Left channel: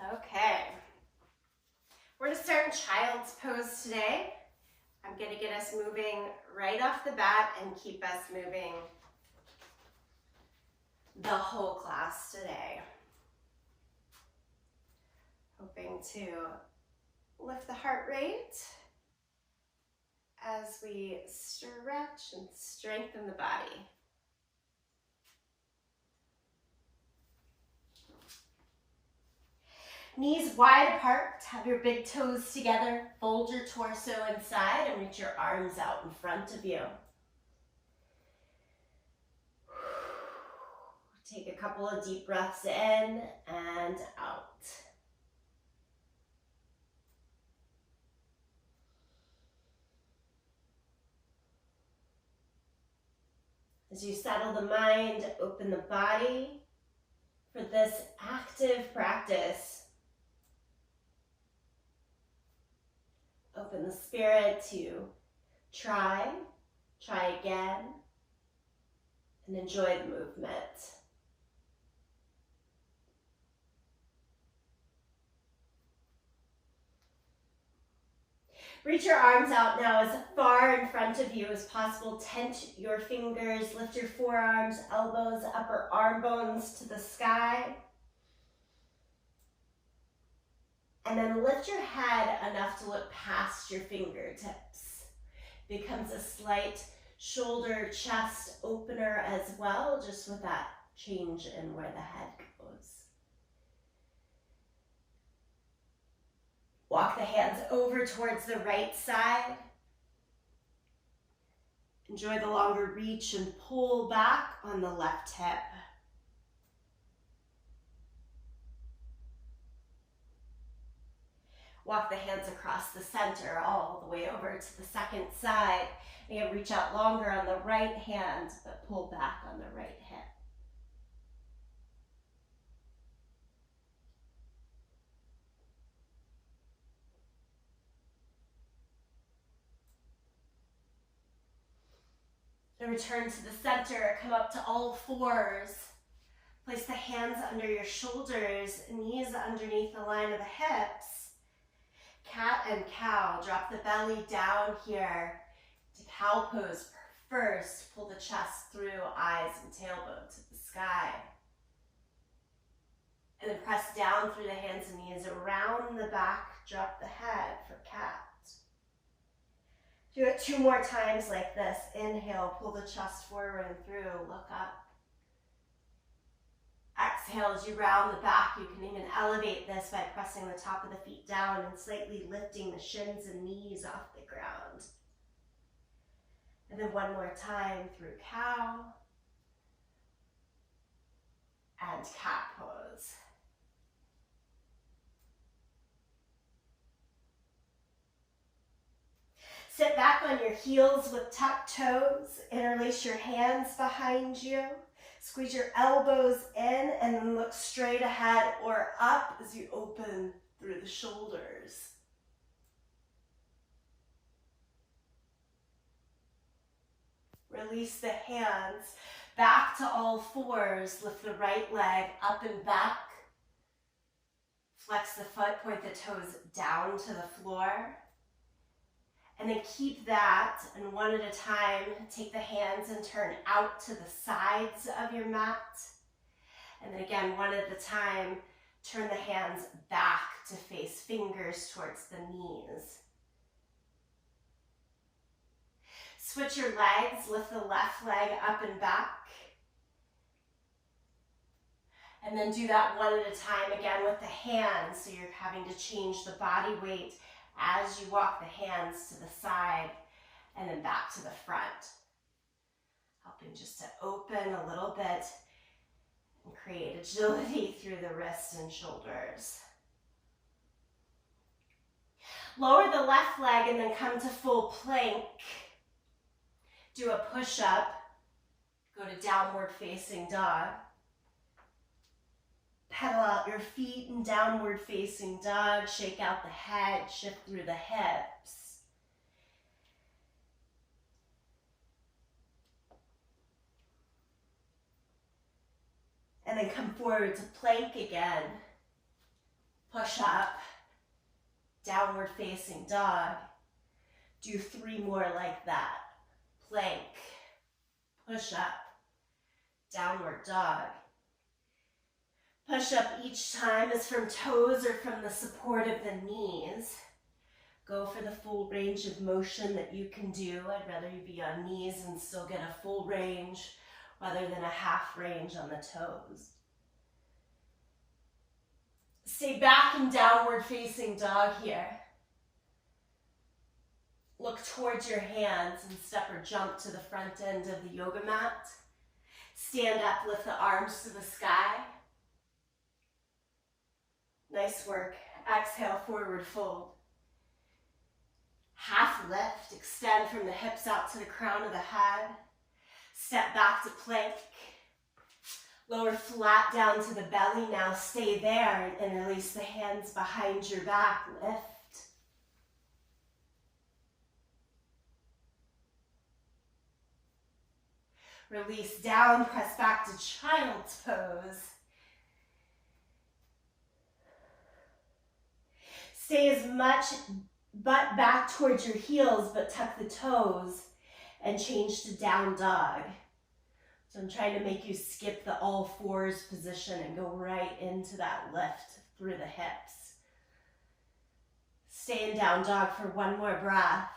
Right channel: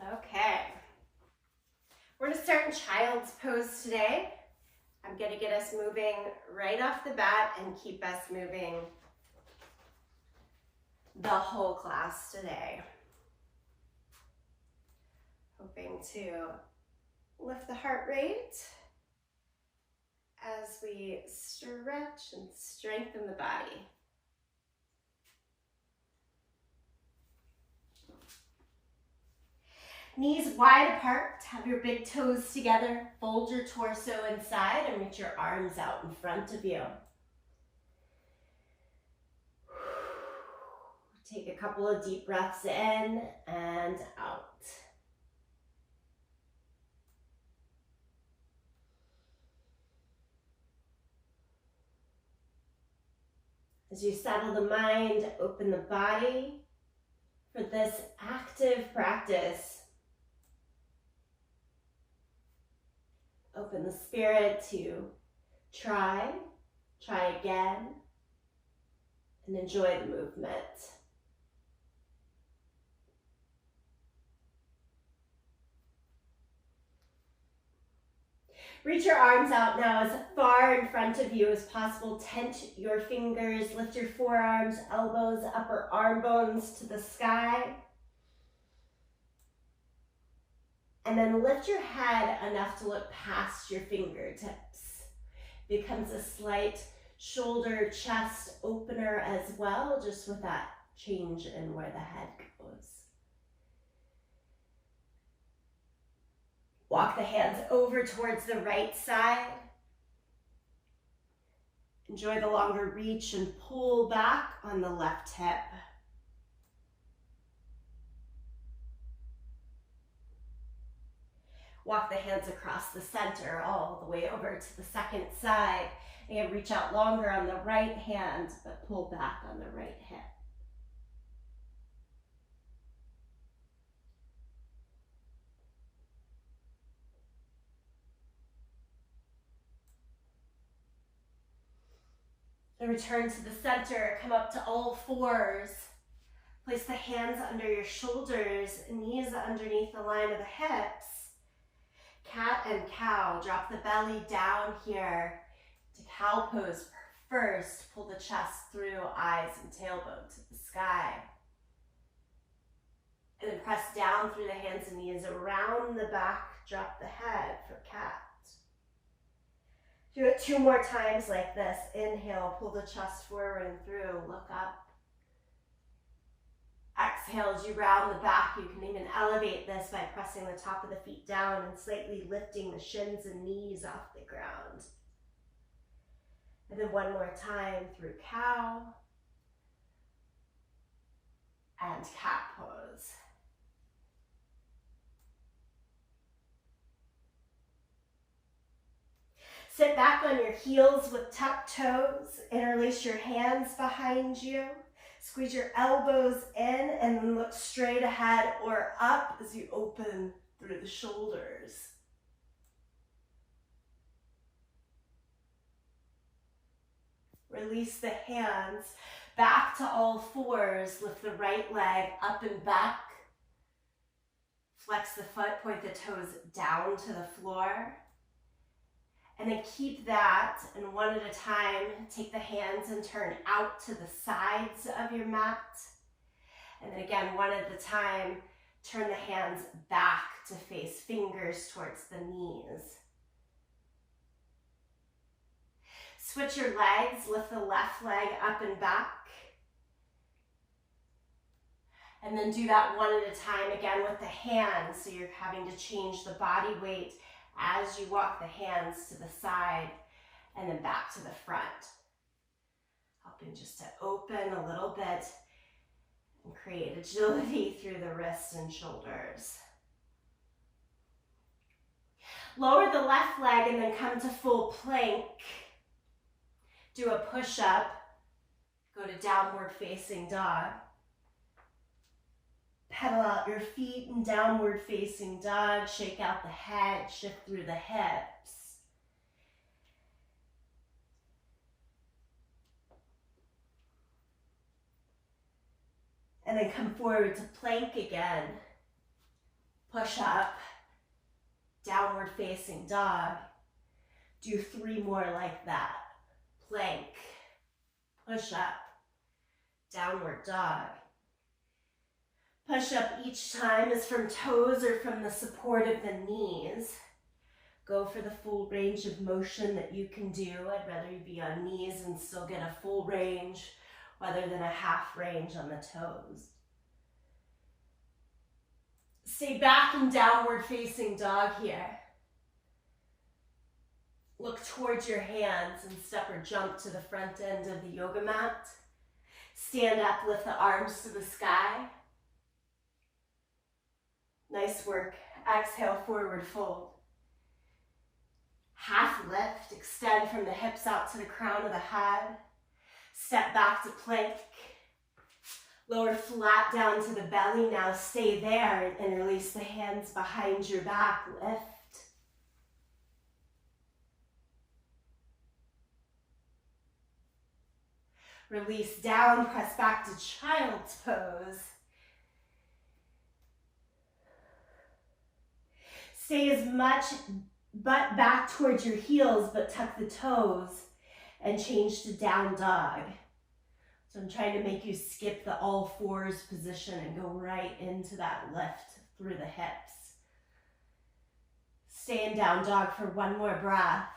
Okay, we're going to start in child's pose today. I'm going to get us moving right off the bat and keep us moving the whole class today. Hoping to lift the heart rate as we stretch and strengthen the body. Knees wide apart, have your big toes together, fold your torso inside and reach your arms out in front of you. Take a couple of deep breaths in and out. As you settle the mind, open the body for this active practice. Open the spirit to try again, and enjoy the movement. Reach your arms out now as far in front of you as possible. Tent your fingers, lift your forearms, elbows, upper arm bones to the sky. And then lift your head enough to look past your fingertips. Becomes a slight shoulder chest opener as well, just with that change in where the head goes. Walk the hands over towards the right side. Enjoy the longer reach and pull back on the left hip. Walk the hands across the center all the way over to the second side. And reach out longer on the right hand, but pull back on the right hip. And return to the center, come up to all fours. Place the hands under your shoulders, knees underneath the line of the hips. Cat and cow, drop the belly down here to cow pose first. Pull the chest through, eyes and tailbone to the sky. And then press down through the hands and knees around the back, drop the head for cat. Do it 2 more times like this. Inhale, pull the chest forward and through, look up. Exhale, as you round the back, you can even elevate this by pressing the top of the feet down and slightly lifting the shins and knees off the ground. And then 1 more time through cow and cat pose. Sit back on your heels with tucked toes. Interlace your hands behind you. Squeeze your elbows in and then look straight ahead or up as you open through the shoulders. Release the hands back to all fours. Lift the right leg up and back. Flex the foot, point the toes down to the floor. And then keep that, and 1 at a time, take the hands and turn out to the sides of your mat. And then again, 1 at a time, turn the hands back to face fingers towards the knees. Switch your legs, lift the left leg up and back. And then do that 1 at a time again with the hands, so you're having to change the body weight as you walk the hands to the side and then back to the front. Helping just to open a little bit and create agility through the wrists and shoulders. Lower the left leg and then come to full plank. Do a push-up. Go to downward facing dog. Pedal out your feet in downward facing dog. Shake out the head, shift through the hips. And then come forward to plank again. Push up, downward facing dog. Do 3 more like that. Plank, push up, downward dog. Push up each time is from toes or from the support of the knees. Go for the full range of motion that you can do. I'd rather you be on knees and still get a full range rather than a half range on the toes. Stay back in downward facing dog here. Look towards your hands and step or jump to the front end of the yoga mat. Stand up, lift the arms to the sky. Nice work. Exhale, forward fold. Half lift, extend from the hips out to the crown of the head. Step back to plank. Lower flat down to the belly. Now stay there and release the hands behind your back. Lift. Release down, press back to child's pose. Stay as much butt back towards your heels, but tuck the toes and change to down dog. So I'm trying to make you skip the all fours position and go right into that lift through the hips. Stay in down dog for 1 more breath.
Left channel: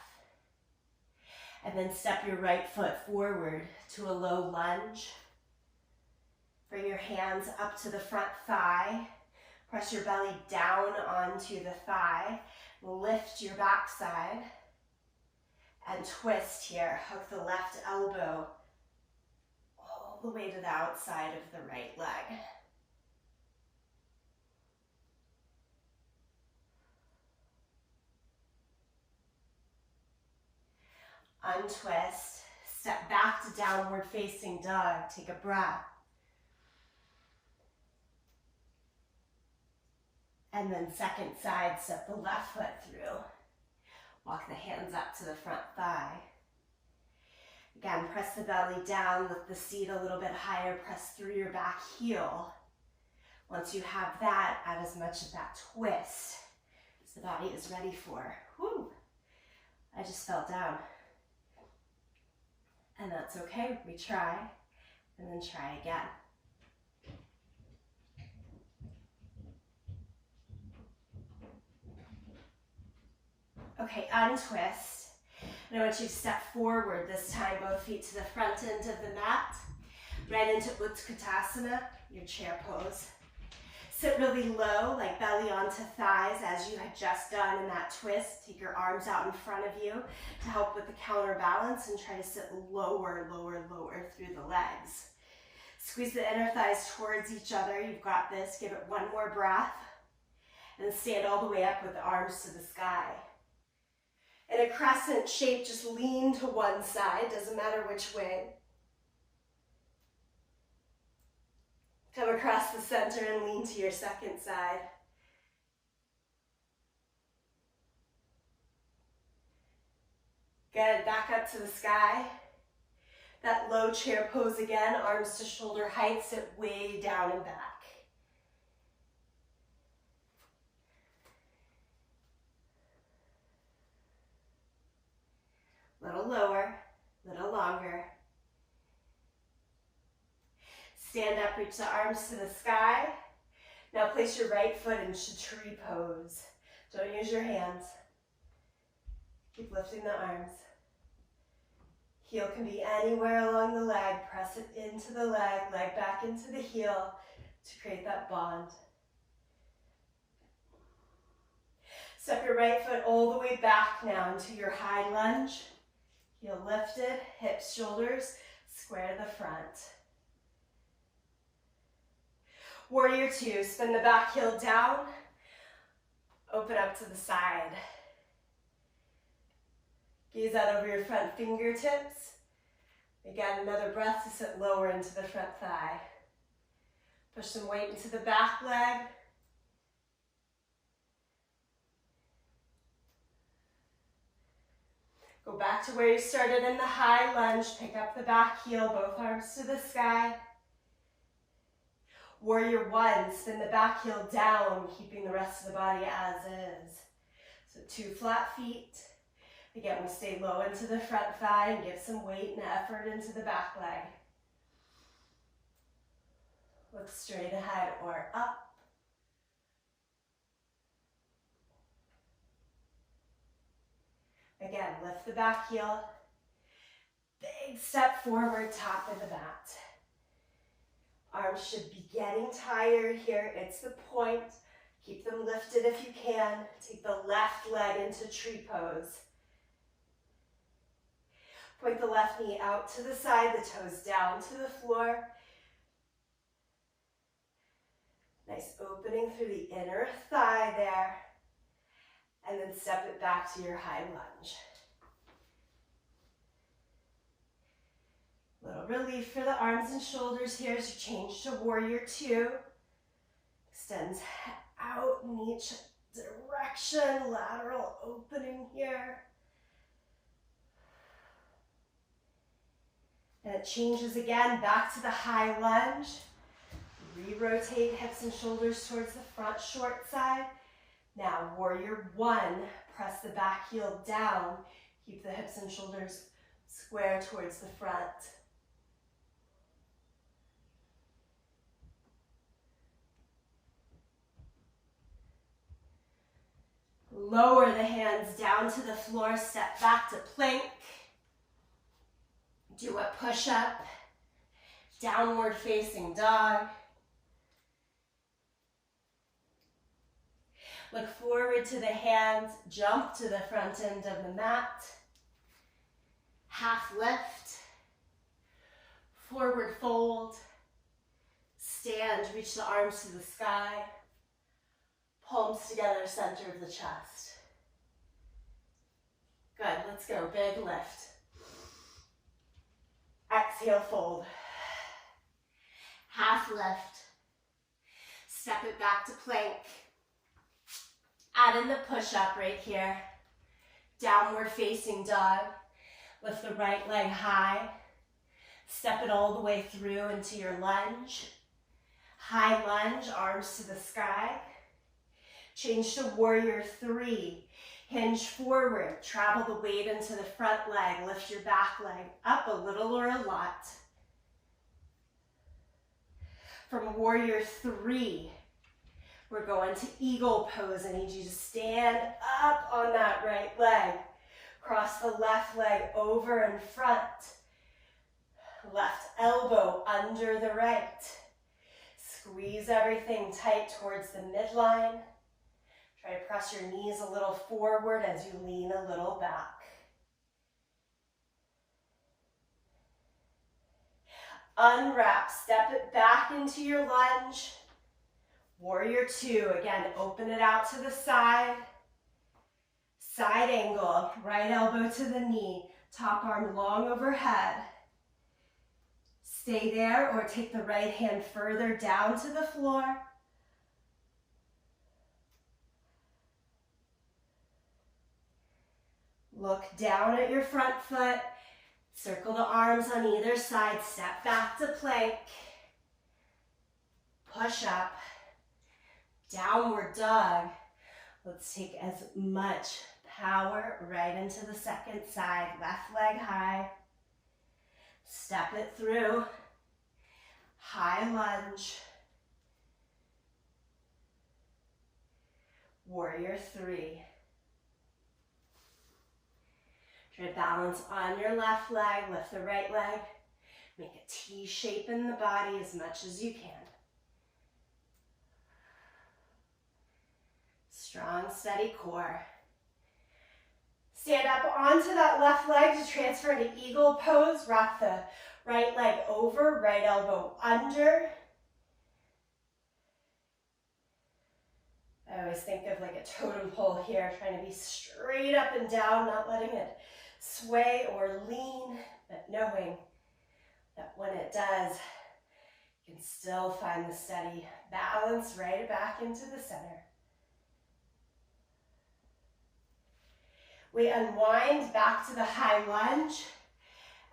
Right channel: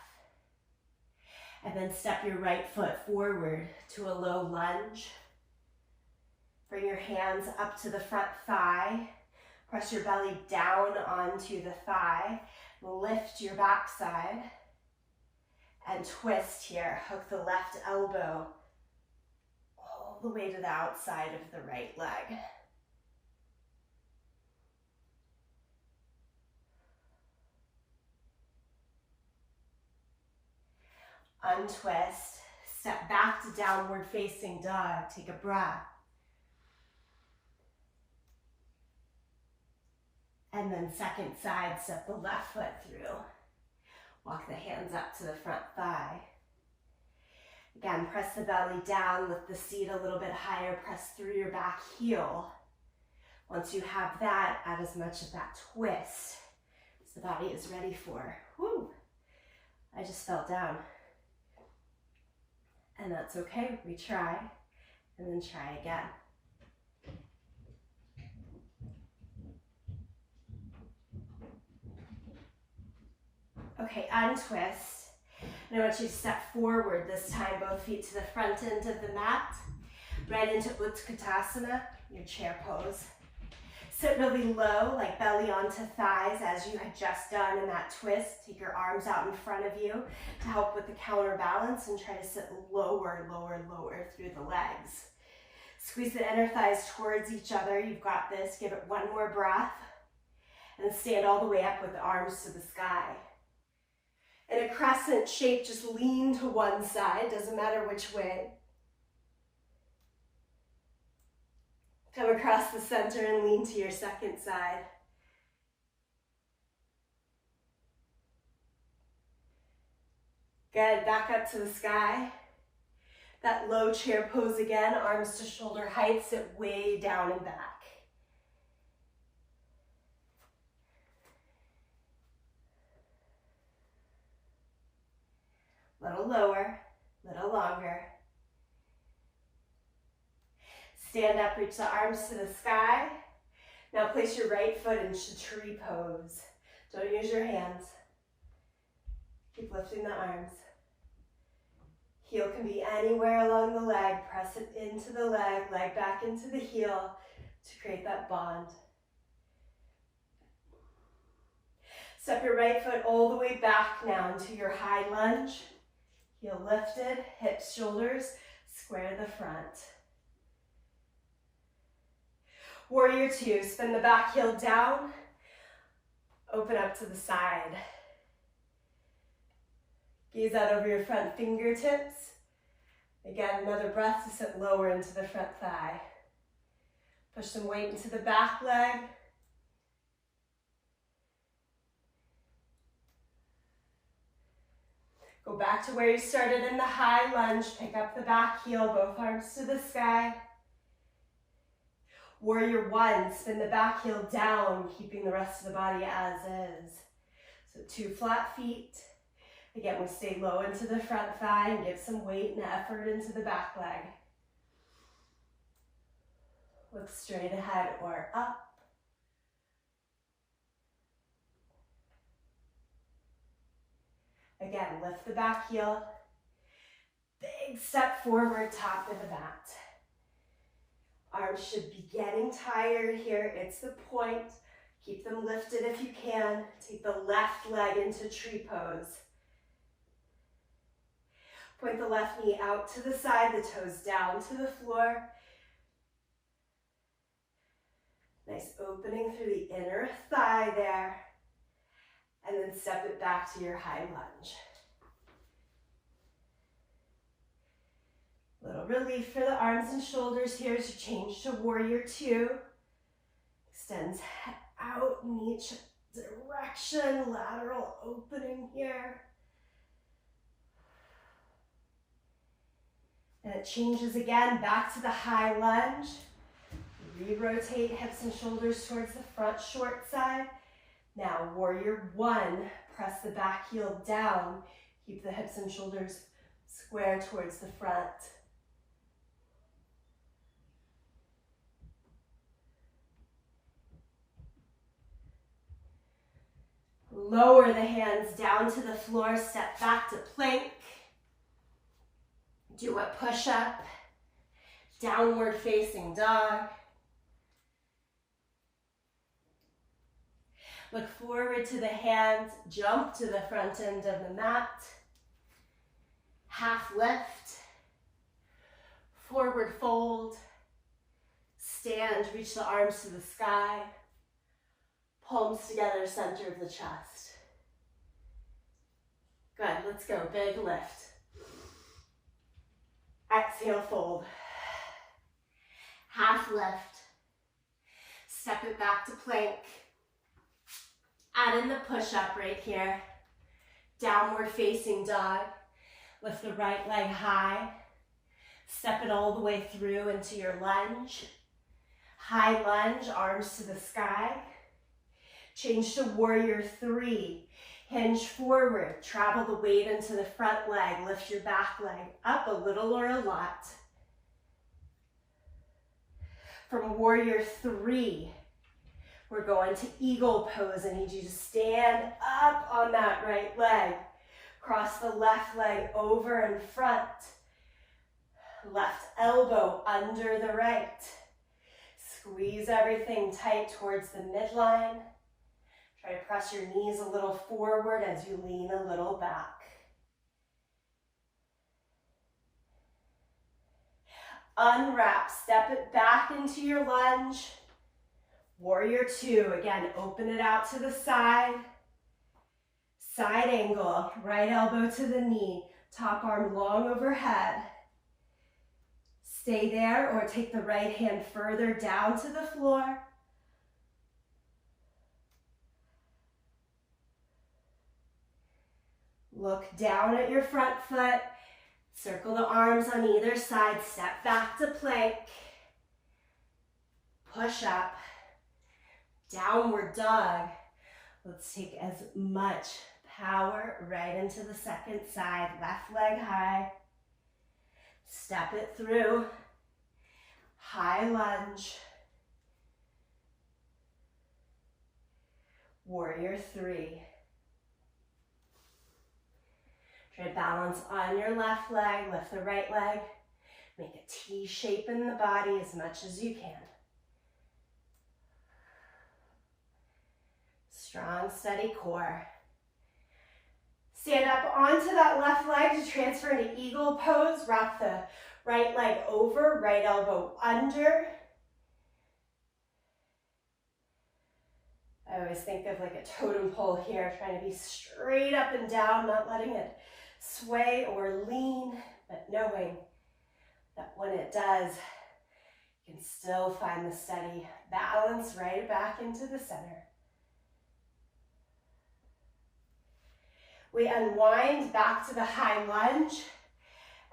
And then step your right foot forward to a low lunge. Bring your hands up to the front thigh. Press your belly down onto the thigh. Lift your backside. And twist here. Hook the left elbow all the way to the outside of the right leg. Untwist, step back to downward facing dog, take a breath. And then second side, step the left foot through. Walk the hands up to the front thigh. Again, press the belly down, lift the seat a little bit higher, press through your back heel. Once you have that, add as much of that twist as the body is ready for. Whew, I just fell down. And that's okay, retry, and then try again. Okay, untwist. And I want you to step forward this time, both feet to the front end of the mat, right into Utkatasana, your chair pose. Sit really low, like belly onto thighs, as you had just done in that twist. Take your arms out in front of you to help with the counterbalance and try to sit lower, lower, lower through the legs. Squeeze the inner thighs towards each other. You've got this. Give it 1 more breath. And then stand all the way up with the arms to the sky. In a crescent shape, just lean to one side. Doesn't matter which way. Come across the center and lean to your second side. Good, back up to the sky. That low chair pose again, arms to shoulder height, sit way down and back. Little lower, little longer. Stand up, reach the arms to the sky. Now place your right foot into tree pose. Don't use your hands. Keep lifting the arms. Heel can be anywhere along the leg. Press it into the leg back into the heel to create that bond. Step your right foot all the way back now into your high lunge. Heel lifted, hips, shoulders, square the front. Warrior 2, spin the back heel down, open up to the side. Gaze out over your front fingertips. Again, another breath to sit lower into the front thigh. Push some weight into the back leg. Go back to where you started in the high lunge. Pick up the back heel, both arms to the sky. Warrior one, spin the back heel down, keeping the rest of the body as is. So 2 flat feet. Again, we stay low into the front thigh and give some weight and effort into the back leg. Look straight ahead or up. Again, lift the back heel. Big step forward, top of the mat. Arms should be getting tired here. It's the point. Keep them lifted if you can. Take the left leg into tree pose. Point the left knee out to the side, the toes down to the floor. Nice opening through the inner thigh there. And then step it back to your high lunge. Little relief for the arms and shoulders here as you change to warrior two. Extends out in each direction, lateral opening here. And it changes again back to the high lunge. Re-rotate hips and shoulders towards the front short side. Now warrior one, press the back heel down. Keep the hips and shoulders square towards the front. Lower the hands down to the floor, step back to plank. Do a push-up, downward facing dog. Look forward to the hands, jump to the front end of the mat. Half lift, forward fold, stand, reach the arms to the sky. Palms together, center of the chest. Good, let's go, big lift. Exhale, fold. Half lift. Step it back to plank. Add in the push-up right here. Downward facing dog. Lift the right leg high. Step it all the way through into your lunge. High lunge, arms to the sky. Change to warrior three. Hinge forward, travel the weight into the front leg, lift your back leg up a little or a lot. From warrior three, we're going to eagle pose. I need you to stand up on that right leg. Cross the left leg over in front. Left elbow under the right. Squeeze everything tight towards the midline. Try to press your knees a little forward as you lean a little back. Unwrap, step it back into your lunge. Warrior two, again, open it out to the side. Side angle, right elbow to the knee, top arm long overhead. Stay there or take the right hand further down to the floor. Look down at your front foot. Circle the arms on either side. Step back to plank. Push up. Downward dog. Let's take as much power right into the second side. Left leg high. Step it through. High lunge. Warrior three. Try to balance on your left leg, lift the right leg. Make a T shape in the body as much as you can. Strong, steady core. Stand up onto that left leg to transfer into eagle pose. Wrap the right leg over, right elbow under. I always think of like a totem pole here, trying to be straight up and down, not letting it sway or lean, but knowing that when it does, you can still find the steady balance right back into the center. We unwind back to the high lunge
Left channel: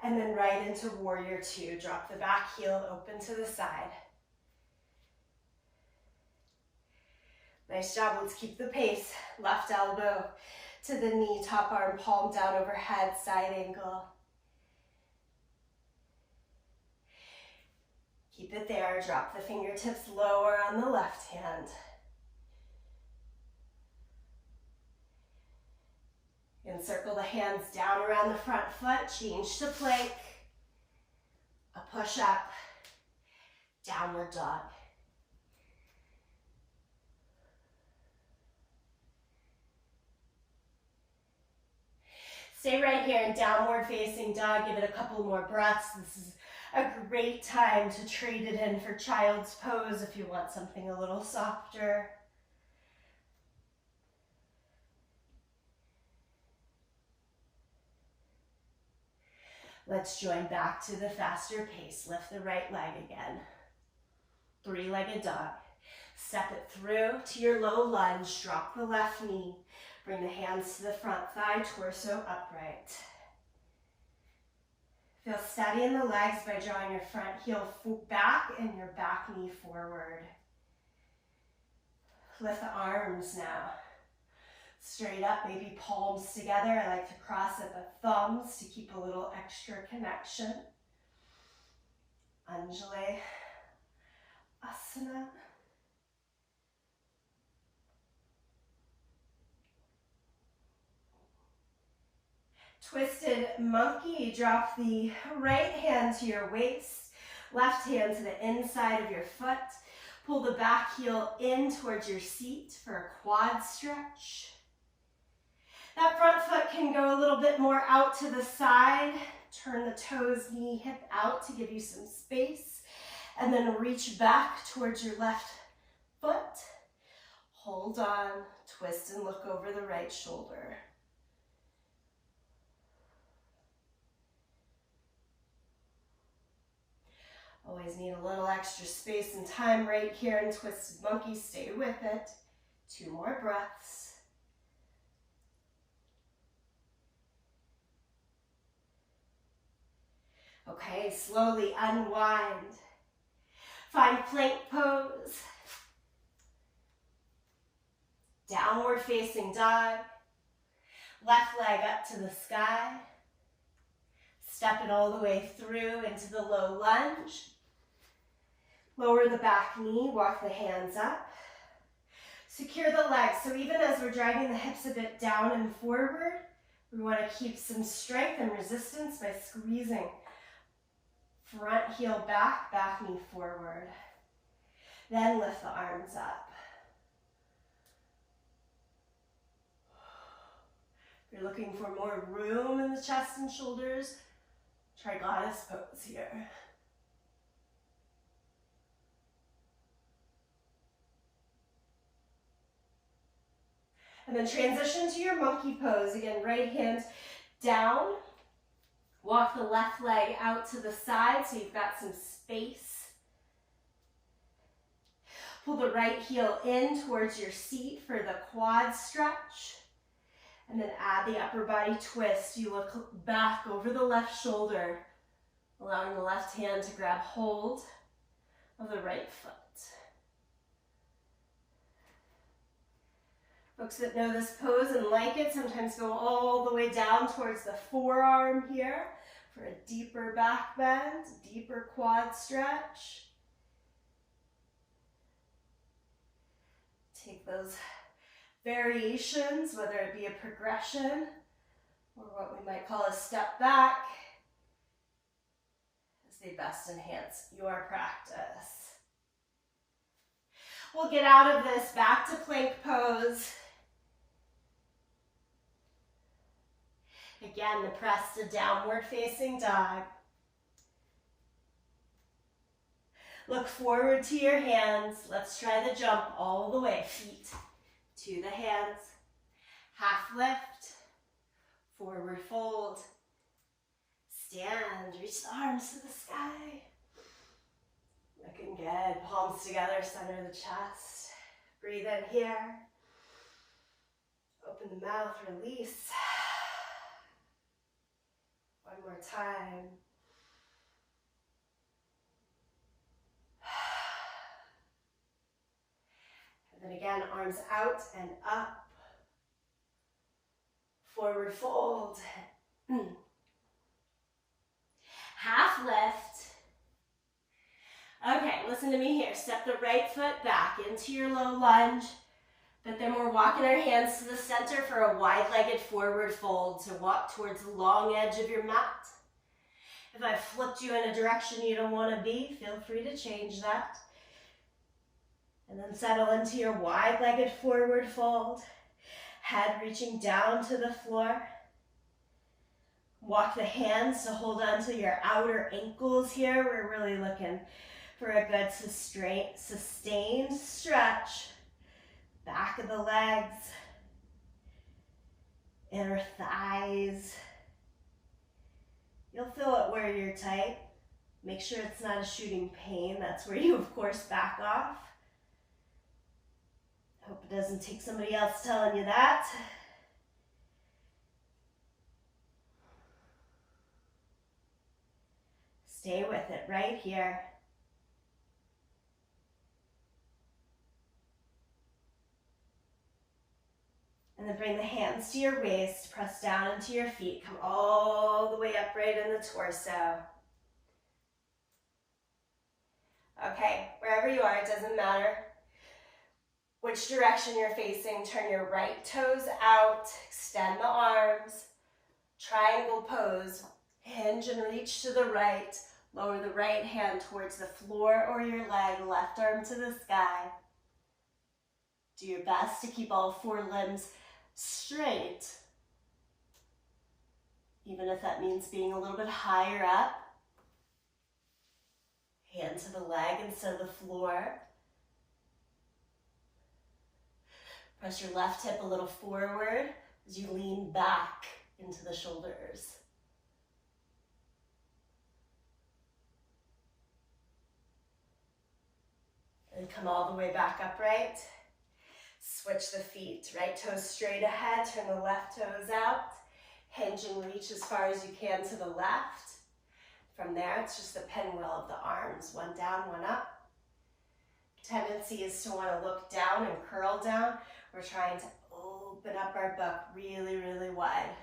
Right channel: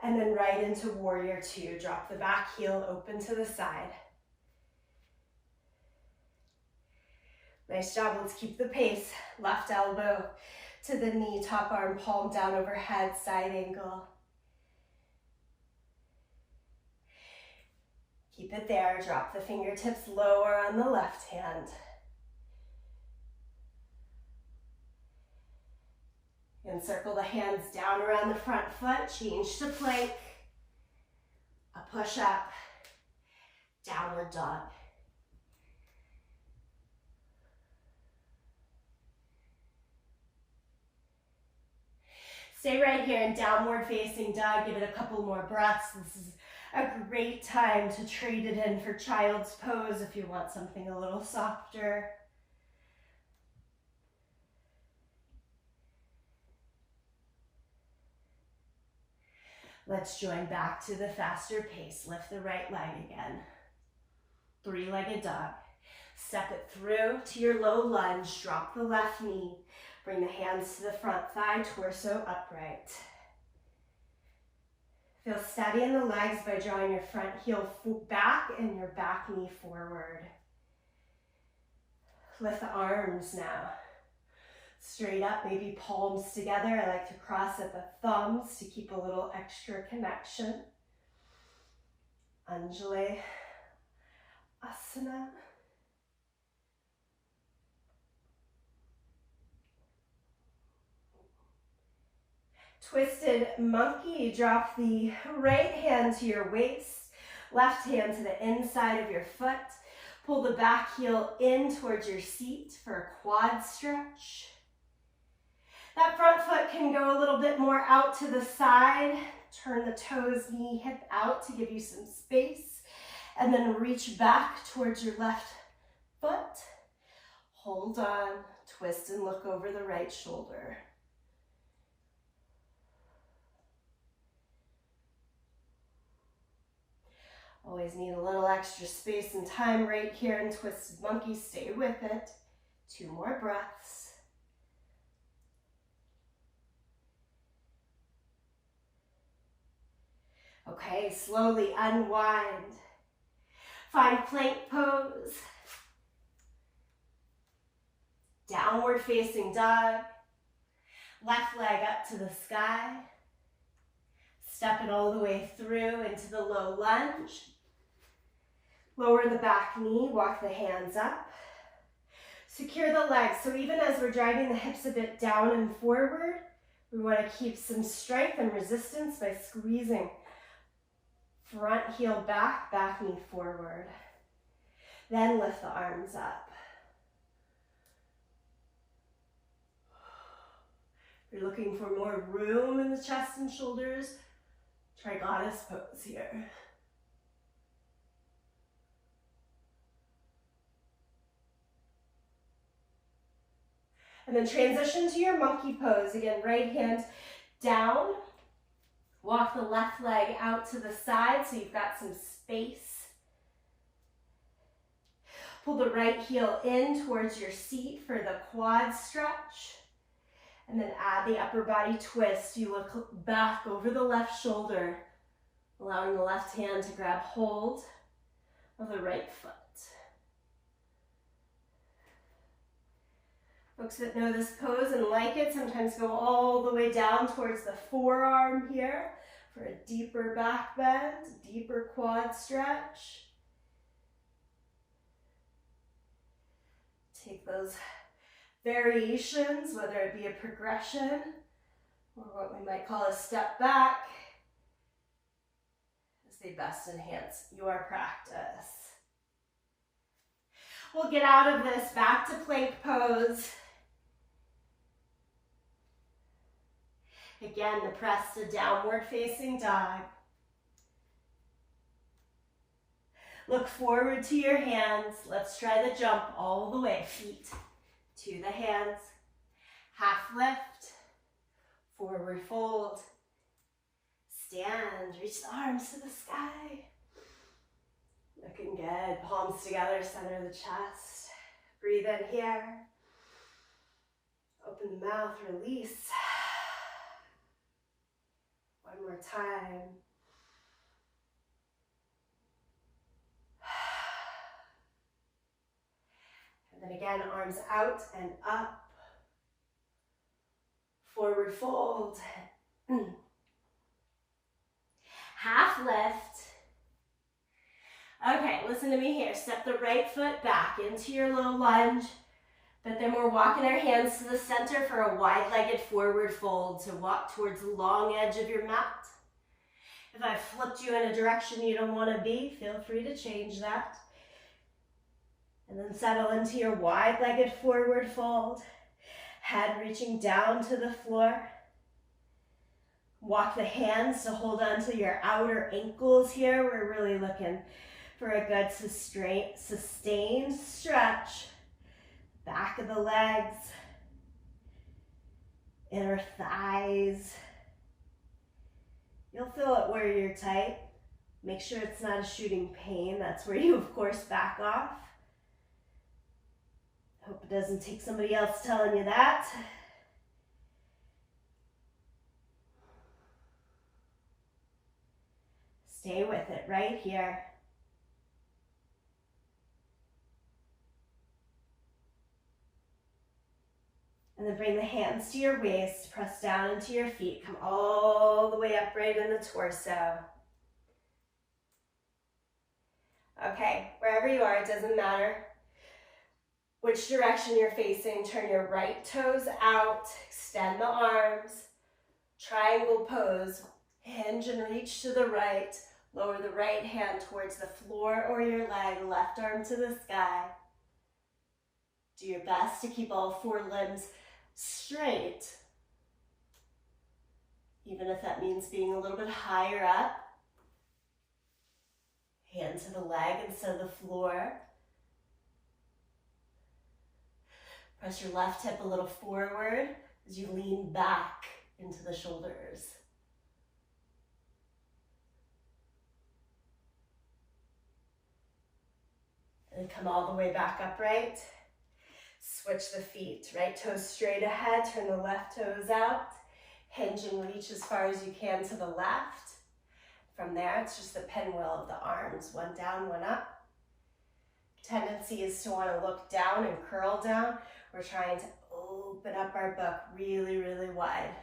and then right into warrior two. Drop the back heel open to the side. Nice job. Let's keep the pace. Left elbow to the knee, top arm, palm down overhead, side angle. Keep it there. Drop the fingertips lower on the left hand. Encircle the hands down around the front foot. Change to plank. A push up. Downward dog. Stay right here in downward facing dog. Give it a couple more breaths. This is a great time to trade it in for child's pose if you want something a little softer. Let's join back to the faster pace. Lift the right leg again. Three-legged dog. Step it through to your low lunge. Drop the left knee. Bring the hands to the front thigh, torso upright. Feel steady in the legs by drawing your front heel back and your back knee forward. Lift the arms now. Straight up, maybe palms together. I like to cross at the thumbs to keep a little extra connection. Anjali Asana. Twisted monkey. Drop the right hand to your waist, left hand to the inside of your foot. Pull the back heel in towards your seat for a quad stretch. That front foot can go a little bit more out to the side. Turn the toes, knee, hip out to give you some space. And then reach back towards your left foot. Hold on, twist and look over the right shoulder. Always need a little extra space and time right here in twisted monkey. Stay with it. 2 more breaths. Okay, slowly unwind. Find plank pose. Downward facing dog. Left leg up to the sky. Step it all the way through into the low lunge. Lower the back knee, walk the hands up. Secure the legs. So even as we're dragging the hips a bit down and forward, we want to keep some strength and resistance by squeezing front heel back, back knee forward. Then lift the arms up. If you're looking for more room in the chest and shoulders, try goddess pose here. And then transition to your monkey pose. Again, right hand down. Walk the left leg out to the side so you've got some space. Pull the right heel in towards your seat for the quad stretch. And then add the upper body twist. You look back over the left shoulder, allowing the left hand to grab hold of the right foot. Folks that know this pose and like it sometimes go all the way down towards the forearm here for a deeper back bend, deeper quad stretch. Take those variations, whether it be a progression or what we might call a step back, as they best enhance your practice. We'll get out of this back to plank pose. Again, to press the downward facing dog. Look forward to your hands. Let's try the jump all the way. Feet to the hands. Half lift. Forward fold. Stand. Reach the arms to the sky. Looking good. Palms together, center the chest. Breathe in here. Open the mouth, release. One more time. And then again, arms out and up. Forward fold. Half lift. Okay, listen to me here. Step the right foot back into your low lunge, but then we're walking our hands to the center for a wide-legged forward fold to walk towards the long edge of your mat. If I flipped you in a direction you don't want to be, feel free to change that. And then settle into your wide-legged forward fold. Head reaching down to the floor. Walk the hands to hold on to your outer ankles here. We're really looking for a good sustained stretch. Back of the legs. Inner thighs. You'll feel it where you're tight. Make sure it's not a shooting pain. That's where you, of course, back off. Hope it doesn't take somebody else telling you that. Stay with it right here. And then bring the hands to your waist, press down into your feet, come all the way upright in the torso. Okay, wherever you are, it doesn't matter which direction you're facing. Turn your right toes out, extend the arms, triangle pose, hinge and reach to the right, lower the right hand towards the floor or your leg, left arm to the sky. Do your best to keep all four limbs straight, even if that means being a little bit higher up. Hand to the leg instead of the floor. Press your left hip a little forward as you lean back into the shoulders. And come all the way back upright. Switch the feet, right toes straight ahead, turn the left toes out, hinge and reach as far as you can to the left. From there, it's just the pinwheel of the arms, one down, one up. Tendency is to want to look down and curl down. We're trying to open up our book really, really wide.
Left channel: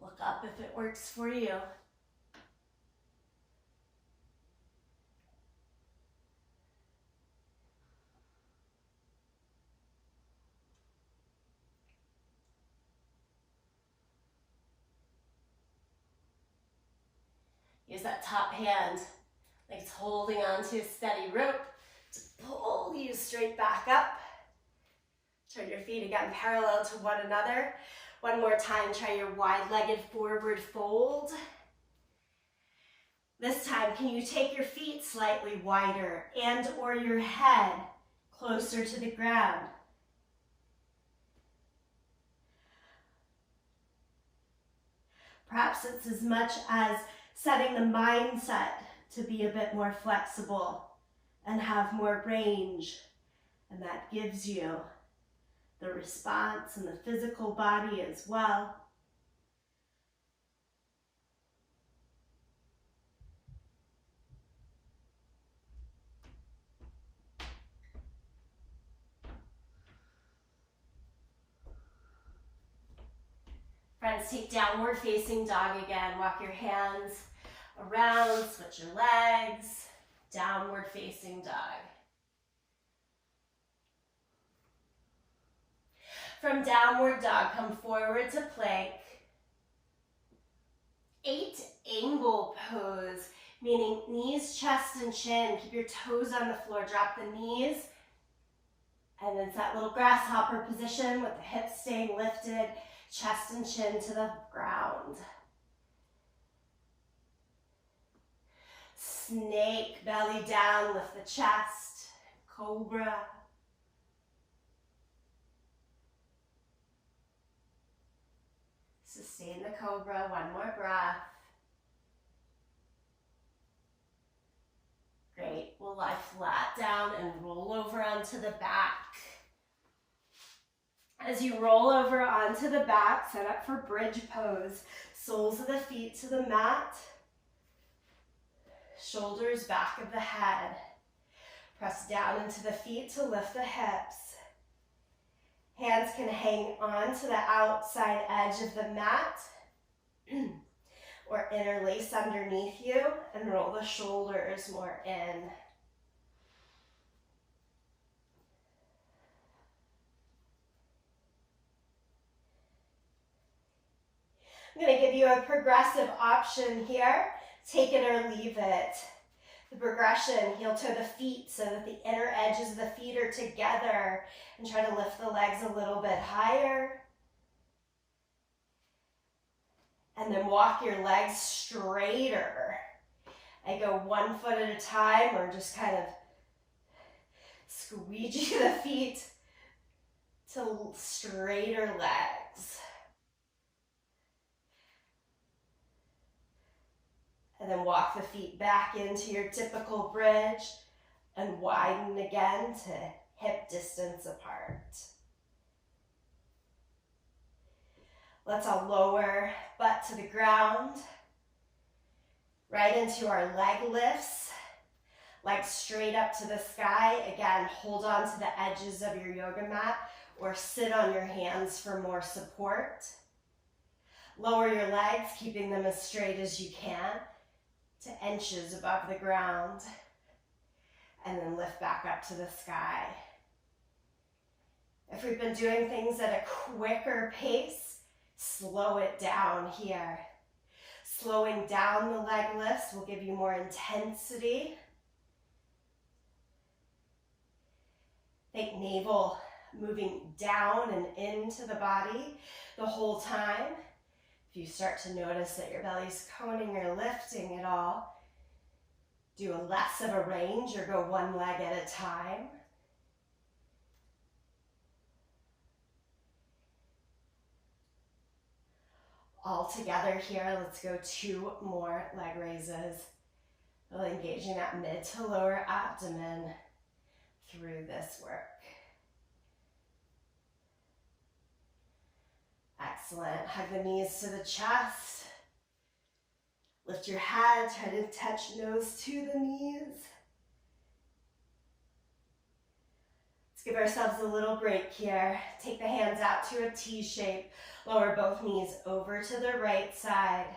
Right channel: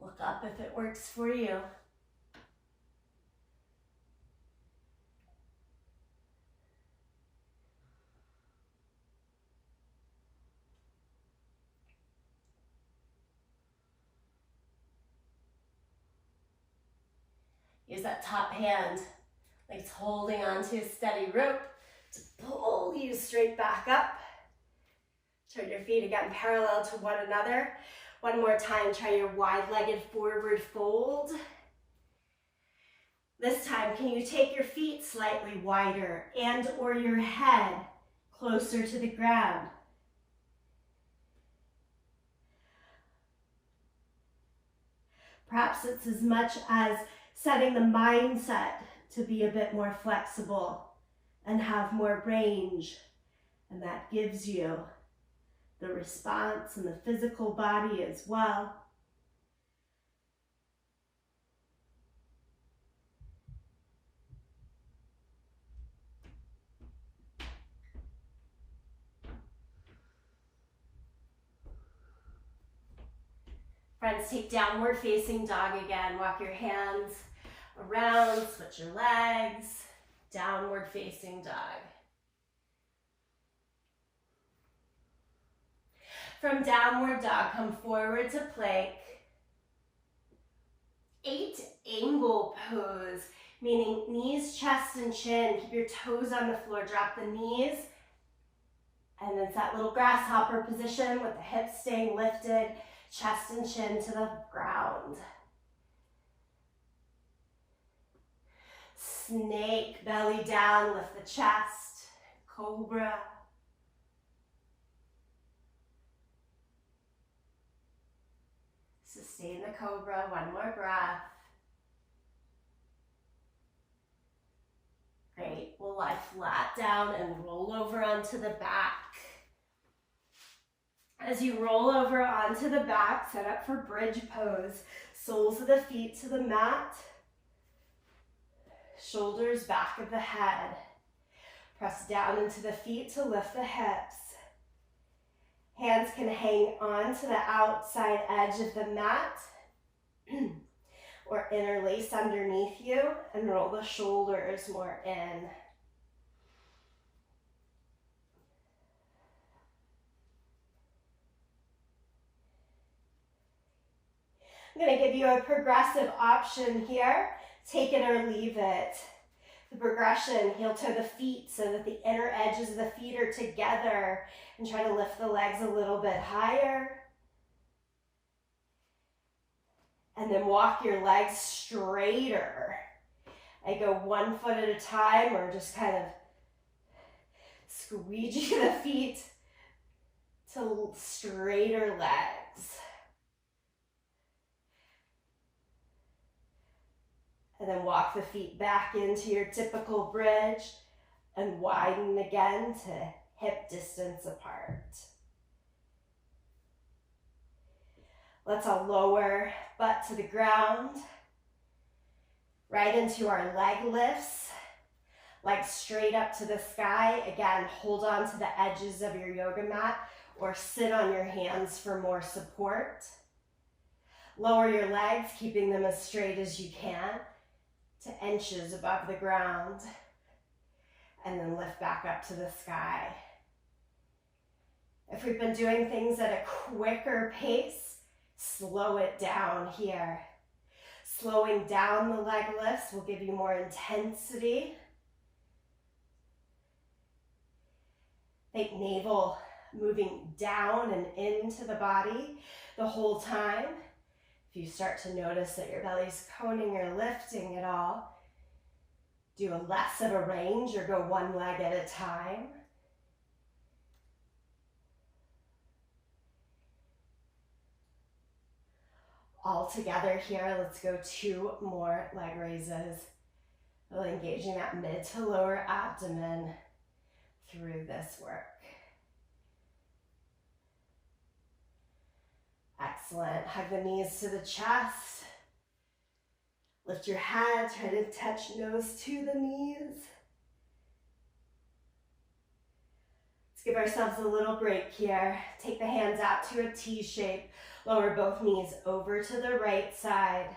Look up if it works for you. Use that top hand like it's holding onto a steady rope to pull you straight back up. Turn your feet again parallel to one another. One more time, try your wide-legged forward fold. This time, can you take your feet slightly wider and or your head closer to the ground? Perhaps it's as much as setting the mindset to be a bit more flexible and have more range. And that gives you the response in the physical body as well. Friends, take downward facing dog again. Walk your hands around, switch your legs, downward facing dog. From downward dog, come forward to plank. 8 angle pose, meaning knees, chest, and chin. Keep your toes on the floor, drop the knees. And then it's that little grasshopper position with the hips staying lifted, chest and chin to the ground. Snake, belly down, lift the chest, cobra. Sustain the cobra, one more breath. Great, we'll lie flat down and roll over onto the back. As you roll over onto the back, set up for bridge pose. Soles of the feet to the mat. Shoulders back of the head. Press down into the feet to lift the hips. Hands can hang on to the outside edge of the mat or interlace underneath you and roll the shoulders more in. I'm going to give you a progressive option here. Take it or leave it. The progression, heel toe the feet so that the inner edges of the feet are together, and try to lift the legs a little bit higher. And then walk your legs straighter. I go 1 foot at a time, or just kind of squeegee the feet to straighter legs. And then walk the feet back into your typical bridge and widen again to hip distance apart. Let's all lower butt to the ground, right into our leg lifts, legs straight up to the sky. Again, hold on to the edges of your yoga mat or sit on your hands for more support. Lower your legs, keeping them as straight as you can to inches above the ground, and then lift back up to the sky. If we've been doing things at a quicker pace, slow it down here. Slowing down the leg lifts will give you more intensity. Think navel moving down and into the body the whole time. If you start to notice that your belly's coning or lifting at all, do a less of a range or go one leg at a time. All together here, let's go 2 more leg raises. Really engaging that mid to lower abdomen through this work. Excellent. Hug the knees to the chest. Lift your head, try to touch nose to the knees. Let's give ourselves a little break here. Take the hands out to a T shape. Lower both knees over to the right side.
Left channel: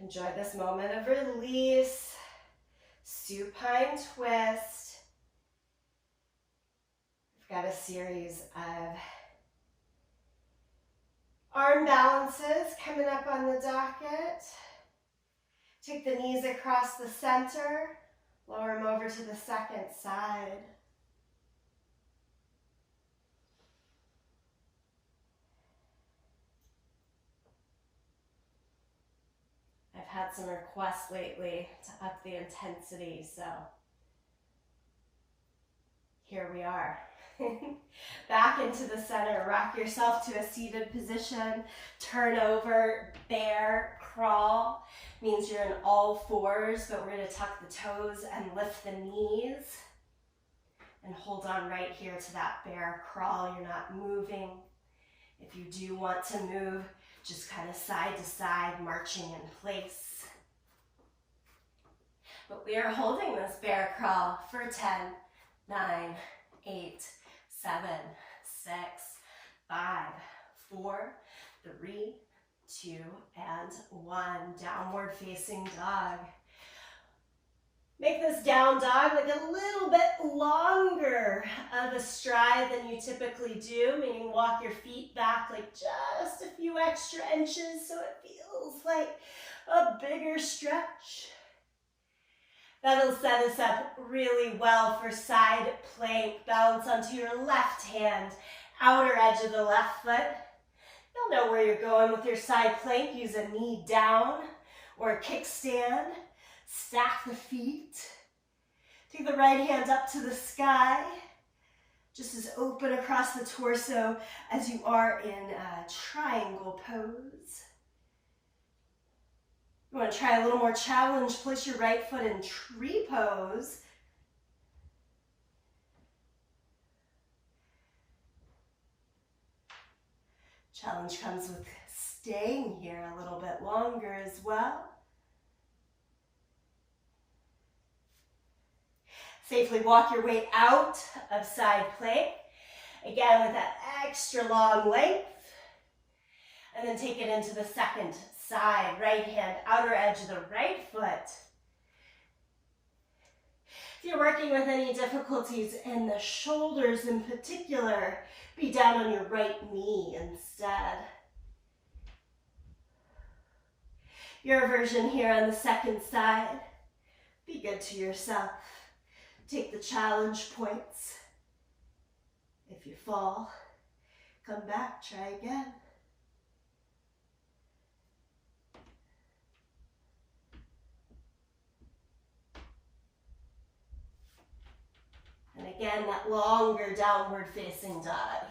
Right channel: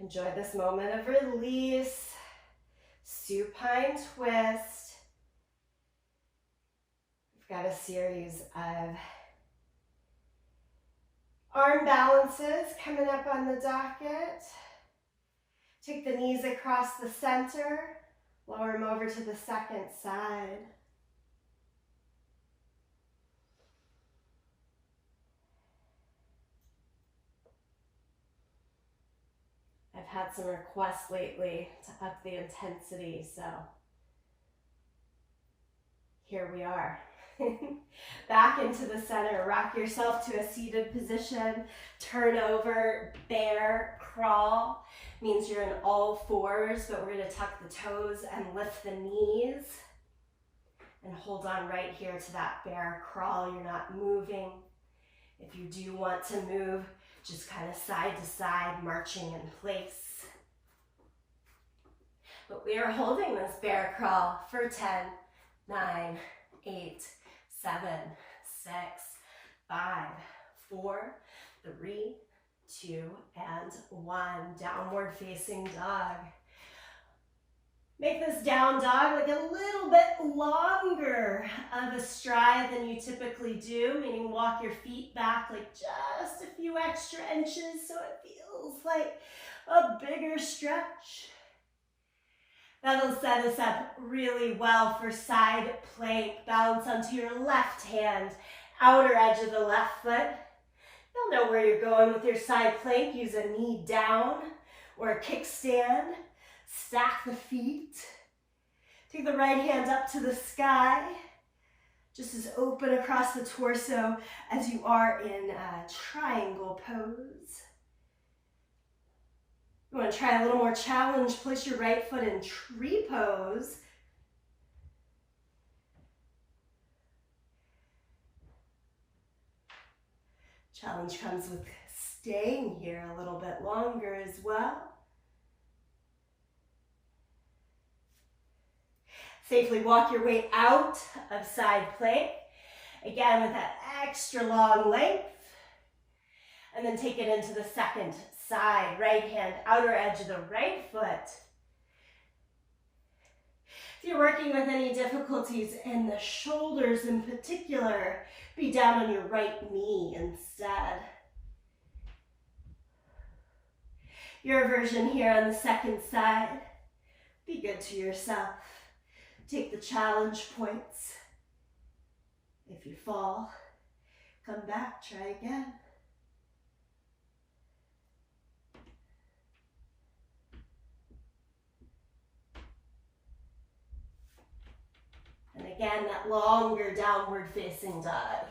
Enjoy this moment of release. Supine twist. We've got a series of arm balances coming up on the docket. Take the knees across the center. Lower them over to the second side. I've had some requests lately to up the intensity, so here we are. Back into the center, rock yourself to a seated position, turn over, bear crawl. Means you're in all fours, but we're gonna tuck the toes and lift the knees. And hold on right here to that bear crawl. You're not moving. If you do want to move, just kind of side to side, marching in place. But we are holding this bear crawl for 10, 9, 8, 7, 6, 5, 4, 3, 2, and 1. Downward facing dog. Make this down dog like a little bit longer of a stride than you typically do, meaning walk your feet back like just a few extra inches so it feels like a bigger stretch. That'll set us up really well for side plank. Balance onto your left hand, outer edge of the left foot. You'll know where you're going with your side plank. Use a knee down or a kickstand. Stack the feet. Take the right hand up to the sky. Just as open across the torso as you are in a triangle pose. You want to try a little more challenge. Place your right foot in tree pose. Challenge comes with staying here a little bit longer as well. Safely walk your way out of side plank. Again, with that extra long length. And then take it into the second side. Right hand, outer edge of the right foot. If you're working with any difficulties in the shoulders in particular, be down on your right knee instead. Your version here on the second side. Be good to yourself. Take the challenge points. If you fall, come back, try again. And again, that longer downward facing dog.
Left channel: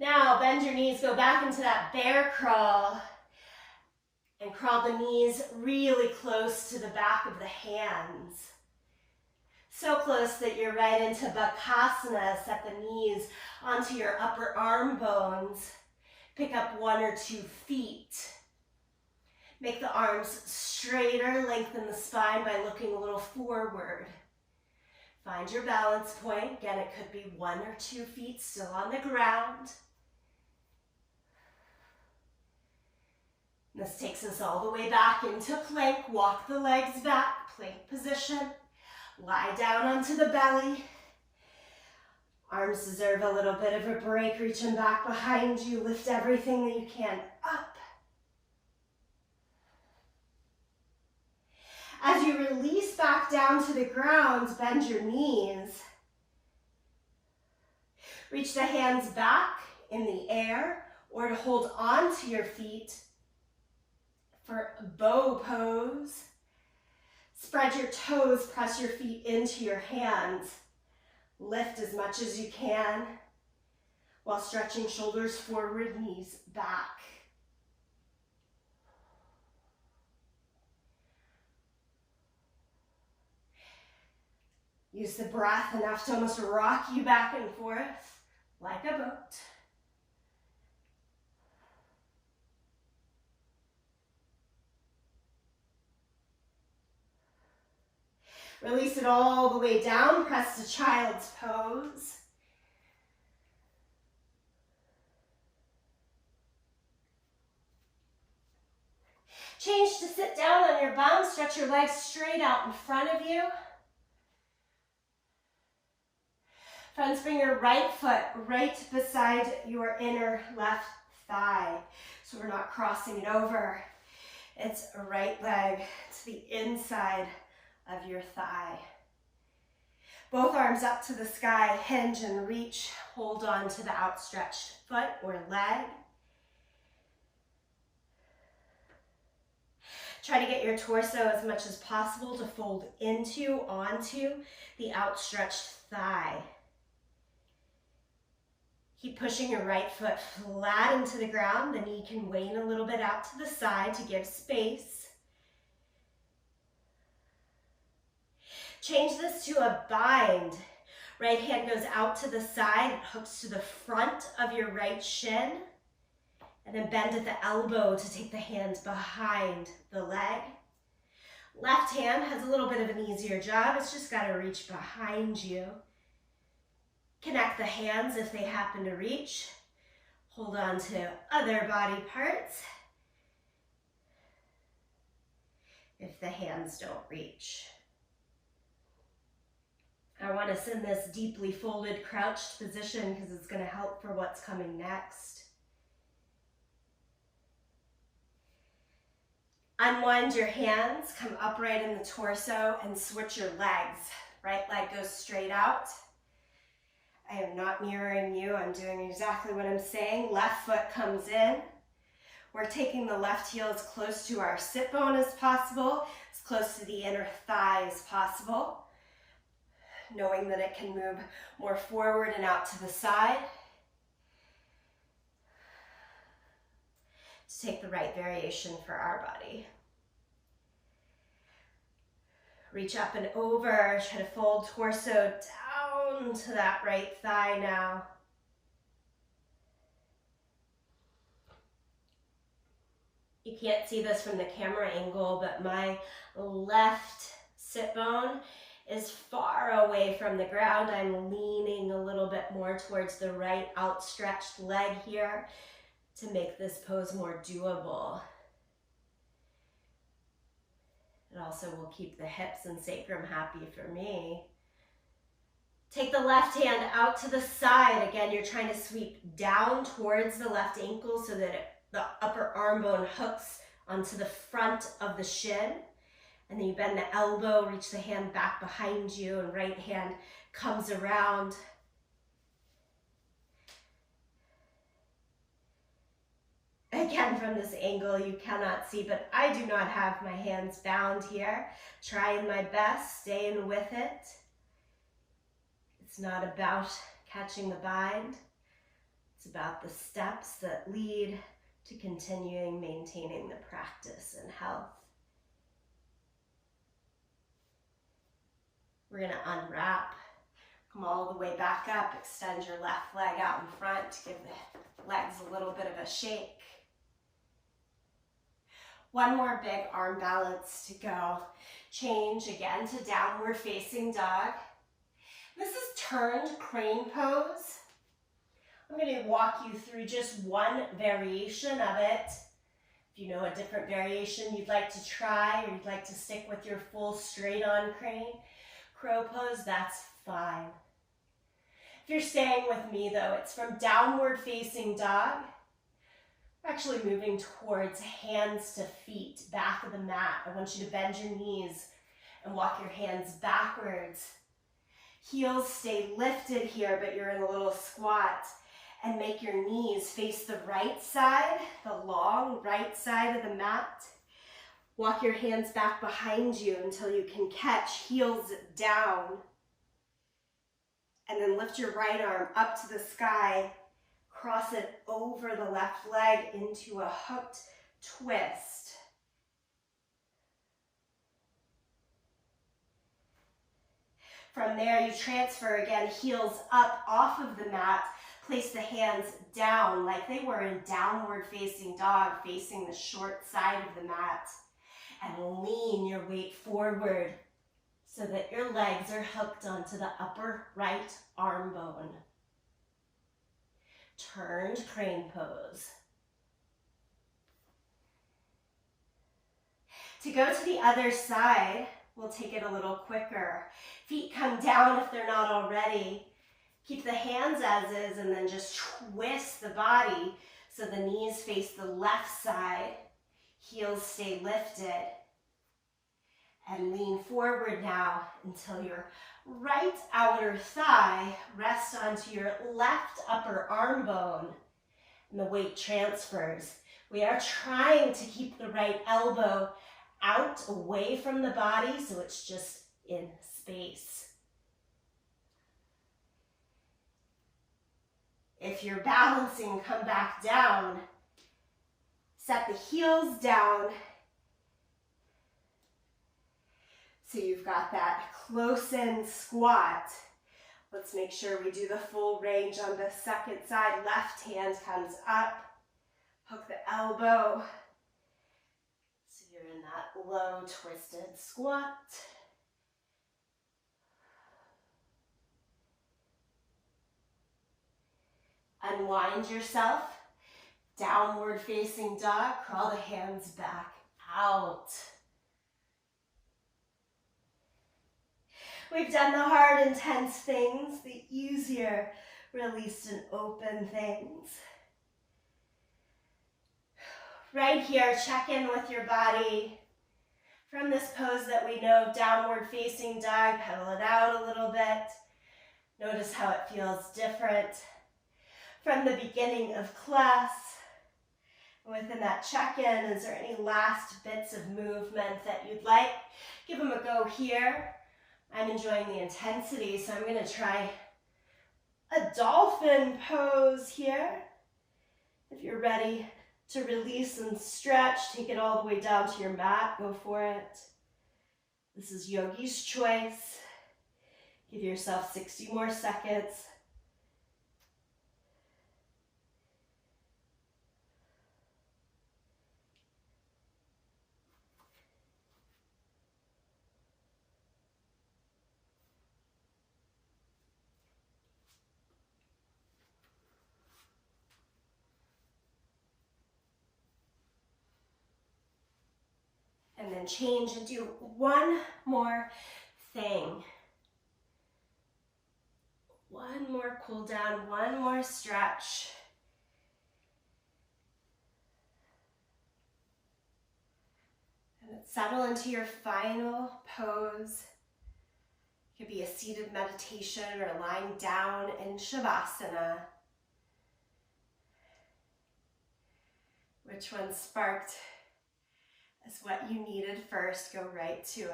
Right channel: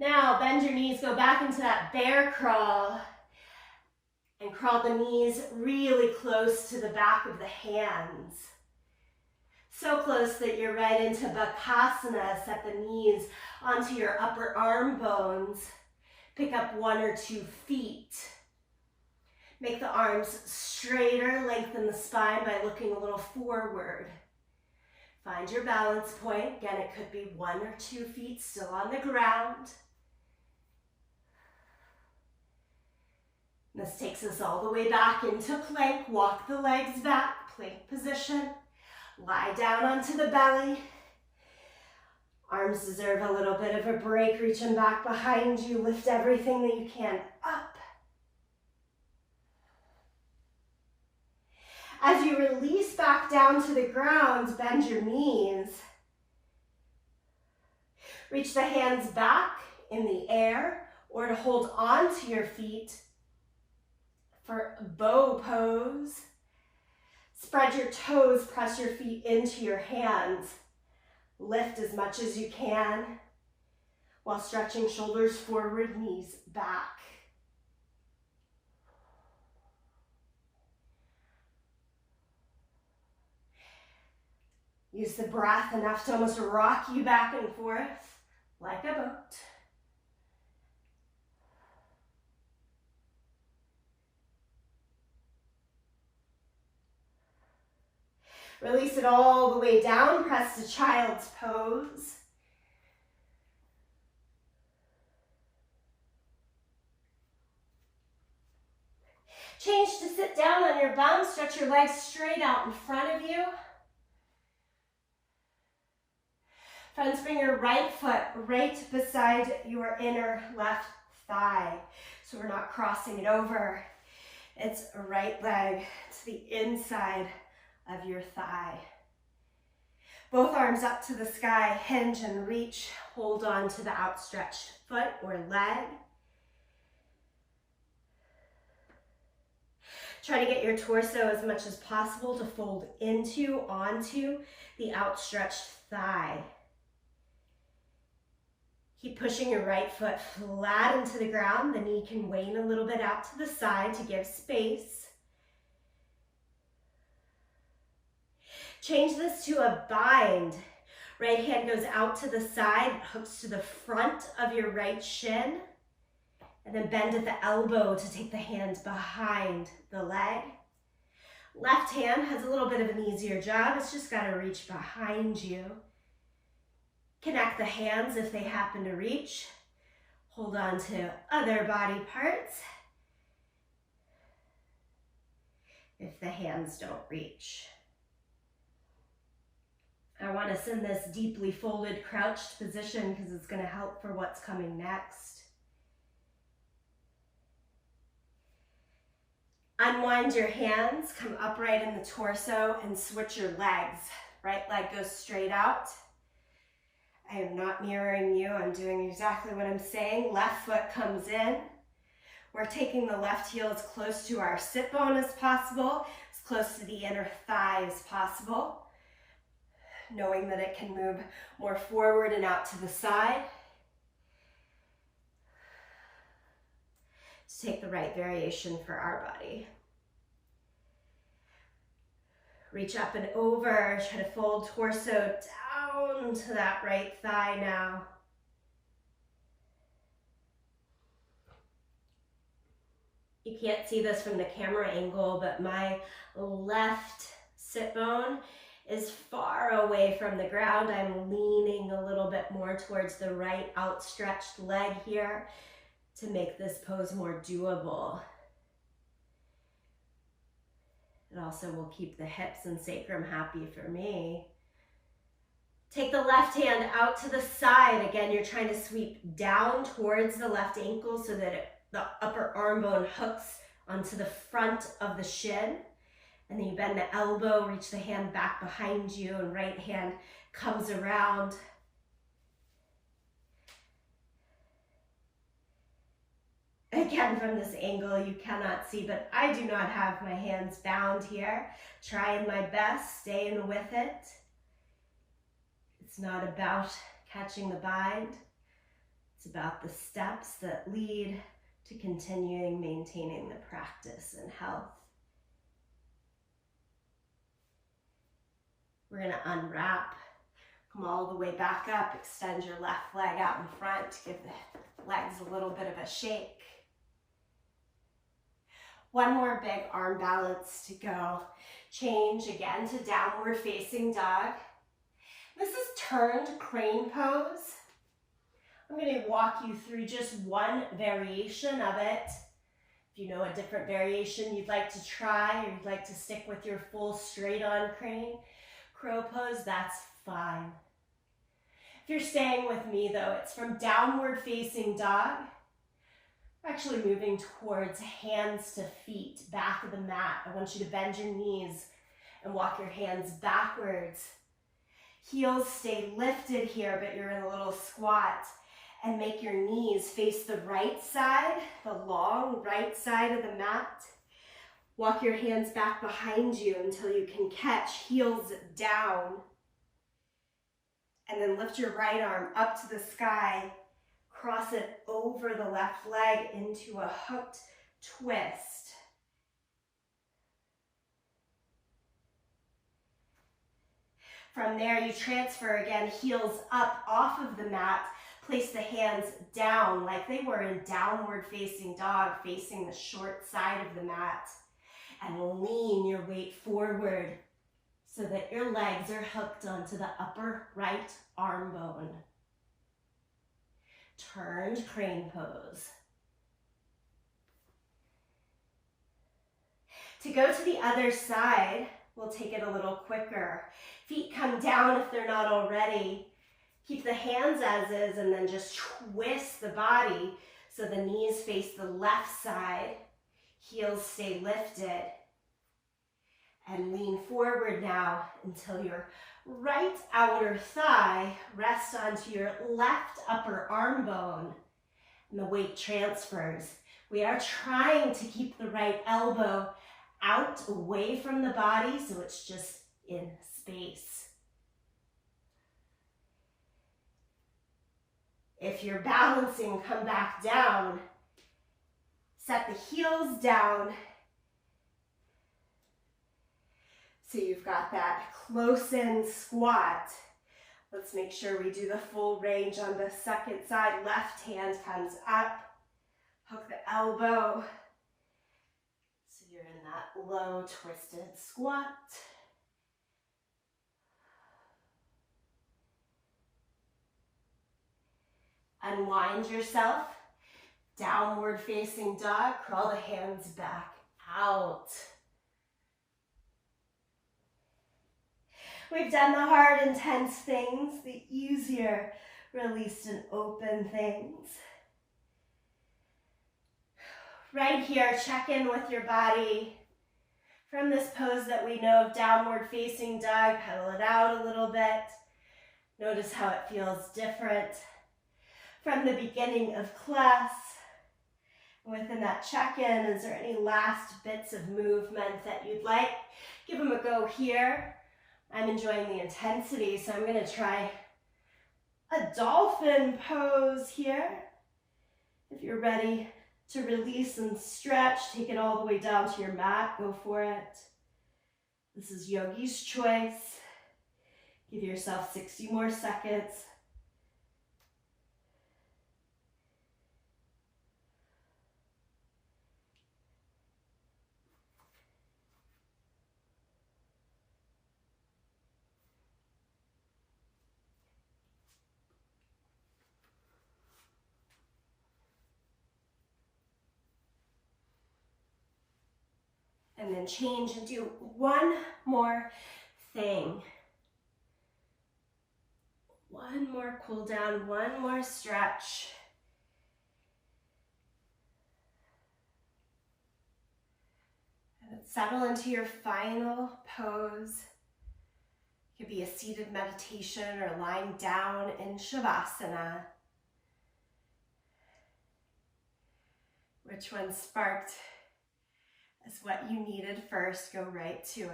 Now, bend your knees, go back into that bear crawl, and crawl the knees really close to the back of the hands. So close that you're right into Bakasana. Set the knees onto your upper arm bones. Pick up 1 or 2 feet. Make the arms straighter, lengthen the spine by looking a little forward. Find your balance point. Again, it could be 1 or 2 feet still on the ground. This takes us all the way back into plank. Walk the legs back, plank position. Lie down onto the belly. Arms deserve a little bit of a break. Reach them back behind you. Lift everything that you can up. As you release back down to the ground, bend your knees. Reach the hands back in the air or to hold on to your feet for bow pose. Spread your toes, press your feet into your hands. Lift as much as you can while stretching shoulders forward, knees back. Use the breath enough to almost rock you back and forth like a boat. Release it all the way down, press to child's pose. Change to sit down on your bum, stretch your legs straight out in front of you. Friends, bring your right foot right beside your inner left thigh. So we're not crossing it over. It's a right leg to the inside of your thigh. Both arms up to the sky, hinge and reach. Hold on to the outstretched foot or leg. Try to get your torso as much as possible to fold into, onto the outstretched thigh. Keep pushing your right foot flat into the ground. The knee can wane a little bit out to the side to give space. Change this to a bind. Right hand goes out to the side, hooks to the front of your right shin, and then bend at the elbow to take the hand behind the leg. Left hand has a little bit of an easier job. It's just got to reach behind you. Connect the hands if they happen to reach. Hold on to other body parts if the hands don't reach. I want us in this deeply folded crouched position because it's going to help for what's coming next. Unwind your hands, come upright in the torso and switch your legs. Right leg goes straight out. I am not mirroring you. I'm doing exactly what I'm saying. Left foot comes in. We're taking the left heel as close to our sit bone as possible, as close to the inner thigh as possible, knowing that it can move more forward and out to the side. To take the right variation for our body. Reach up and over, try to fold torso down to that right thigh now. You can't see this from the camera angle, but my left sit bone is far away from the ground. I'm leaning a little bit more towards the right outstretched leg here to make this pose more doable. It also will keep the hips and sacrum happy for me. Take the left hand out to the side. Again, you're trying to sweep down towards the left ankle so that the upper arm bone hooks onto the front of the shin. And then you bend the elbow, reach the hand back behind you, and right hand comes around. Again, from this angle, you cannot see, but I do not have my hands bound here. Trying my best, staying with it. It's not about catching the bind. It's about the steps that lead to continuing maintaining the practice and health. We're going to unwrap, come all the way back up, extend your left leg out in front, give the legs a little bit of a shake. One more big arm balance to go. Change again to downward facing dog. This is turned crane pose. I'm going to walk you through just one variation of it. If you know a different variation you'd like to try, or you'd like to stick with your full straight on crane crow pose, that's fine. If you're staying with me though, it's from downward facing dog. We're actually moving towards hands to feet, back of the mat. I want you to bend your knees and walk your hands backwards. Heels stay lifted here, but you're in a little squat. And make your knees face the right side, the long right side of the mat. Walk your hands back behind you until you can catch, heels down. And then lift your right arm up to the sky. Cross it over the left leg into a hooked twist. From there, you transfer again, heels up off of the mat. Place the hands down like they were in downward facing dog, facing the short side of the mat. And lean your weight forward so that your legs are hooked onto the upper right arm bone. Turned crane pose. To go to the other side, we'll take it a little quicker. Feet come down if they're not already. Keep the hands as is and then just twist the body so the knees face the left side, heels stay lifted. And lean forward now until your right outer thigh rests onto your left upper arm bone and the weight transfers. We are trying to keep the right elbow out away from the body so it's just in space. If you're balancing, come back down. Set the heels down. So you've got that close in squat. Let's make sure we do the full range on the second side. Left hand comes up. Hook the elbow. So you're in that low twisted squat. Unwind yourself, downward facing dog, crawl the hands back out. We've done the hard, intense things, the easier, released and open things. Right here, check in with your body. From this pose that we know of, downward facing dog, pedal it out a little bit. Notice how it feels different. From the beginning of class, within that check-in, is there any last bits of movement that you'd like? Give them a go here. I'm enjoying the intensity, so I'm going to try a dolphin pose here. If you're ready to release and stretch, take it all the way down to your mat. Go for it. This is yogi's choice. Give yourself 60 more seconds. And then change and do one more thing. One more cool down, one more stretch. And settle into your final pose. It could be a seated meditation or lying down in Shavasana. Which one sparked as what you needed first? Go right to it.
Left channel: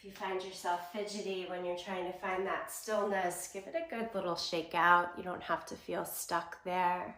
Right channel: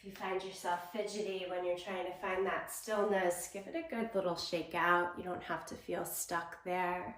If you find yourself fidgety when you're trying to find that stillness, give it a good little shake out. You don't have to feel stuck there.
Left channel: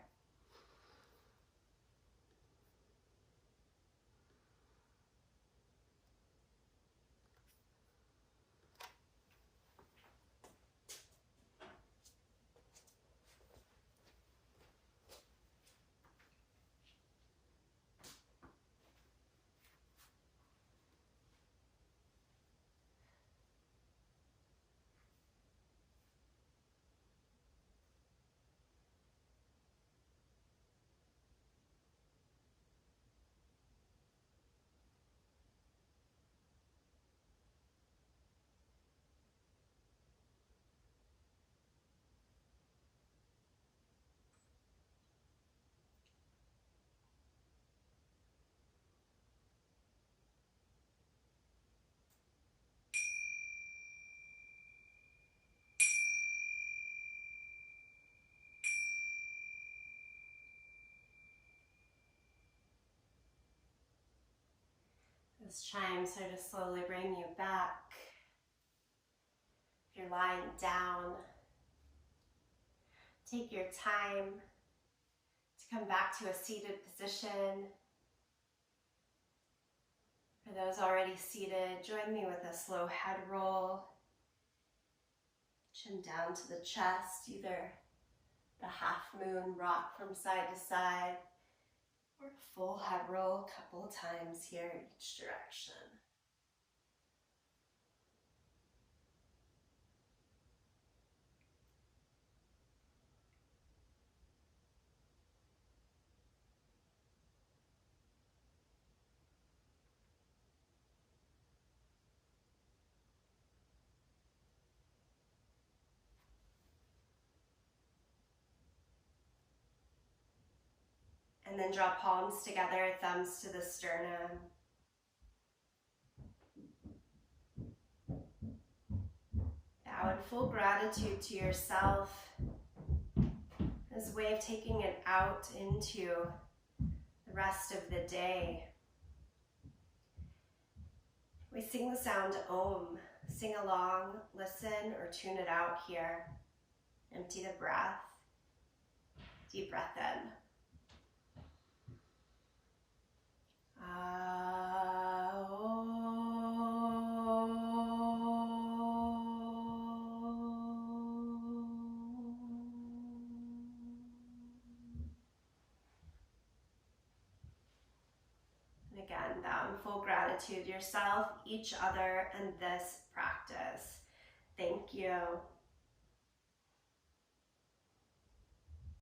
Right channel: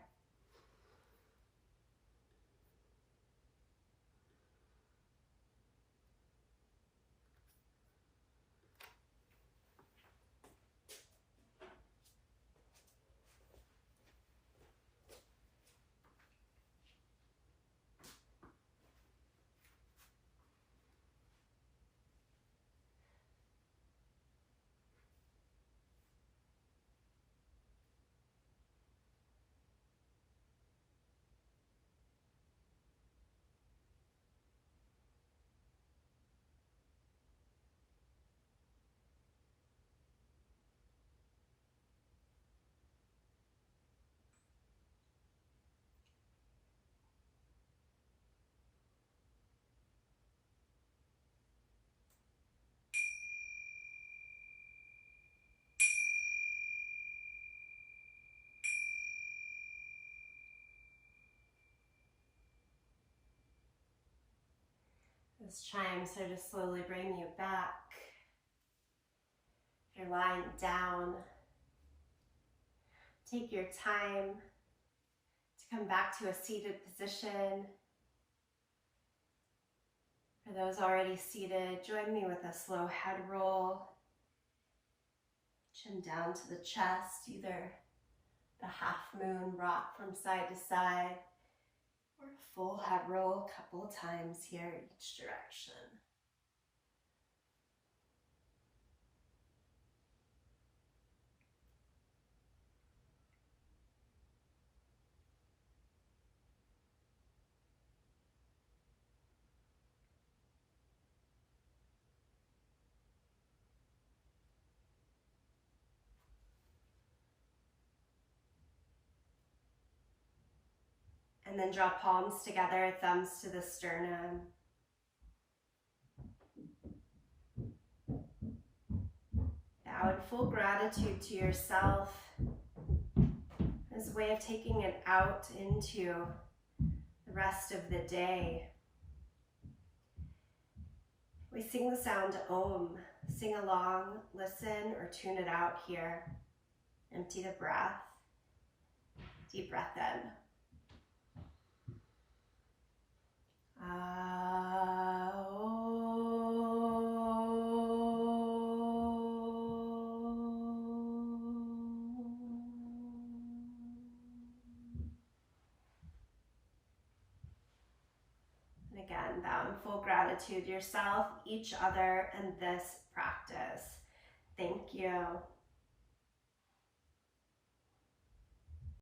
Those chimes are to slowly bring you back. If you're lying down, take your time to come back to a seated position. For those already seated, join me with a slow head roll. Chin down to the chest, either the half moon rock from side to side, or a full head roll a couple of times here in each direction. And then draw palms together, thumbs to the sternum. Bow in full gratitude to yourself as a way of taking it out into the rest of the day. We sing the sound Om. Sing along, listen, or tune it out here. Empty the breath. Deep breath in. And again, bow in full gratitude yourself, each other, and this practice. Thank you.